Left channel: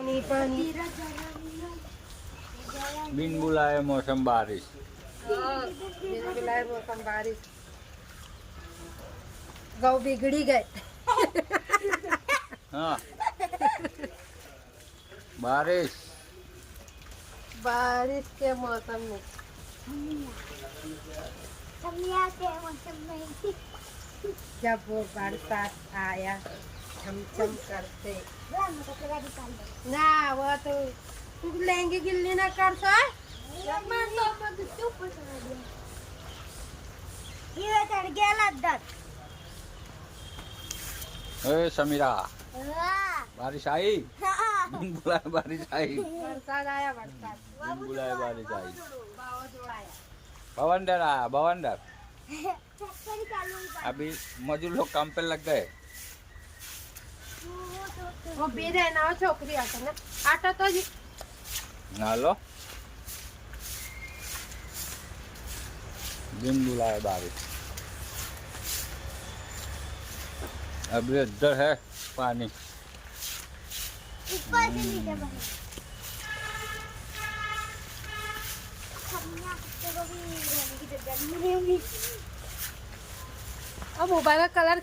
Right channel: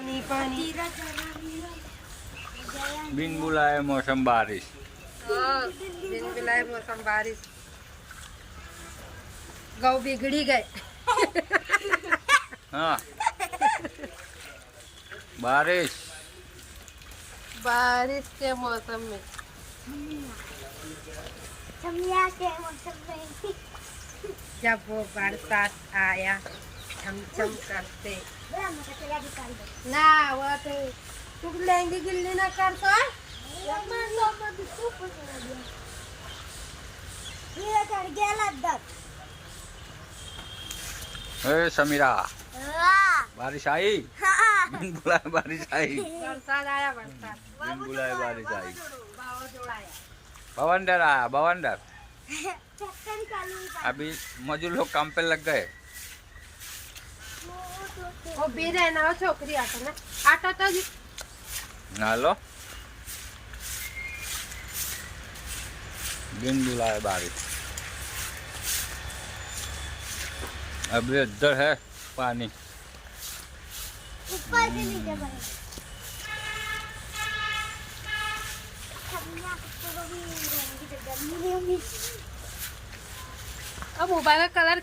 पानी बिन बुलाए मौसम बारिश। बिन बुलाए मौसम बारिश। गौ बिगड़ी गए। हाँ बारिश बारिश के मौसम में जब वो बरसात आया छमछम करते ना वो तो तू लेंगे गिल्ली ना कर तो समीरा बारिश आई। बिन बुलाए बारिश आई। बरसात आया बरसात बिन बुलाए बारिश आई। बावजोड़ आया। बवंडर आया बवंडर। अभी मजदूर लोग काम पे लग गए। वो बीरे ना छोकरी आटा तो जी हेलो बिन बुलाए बारिश। अभी इधर है पानी। ऊपर से नीचे बना अब मोबाइल का कलर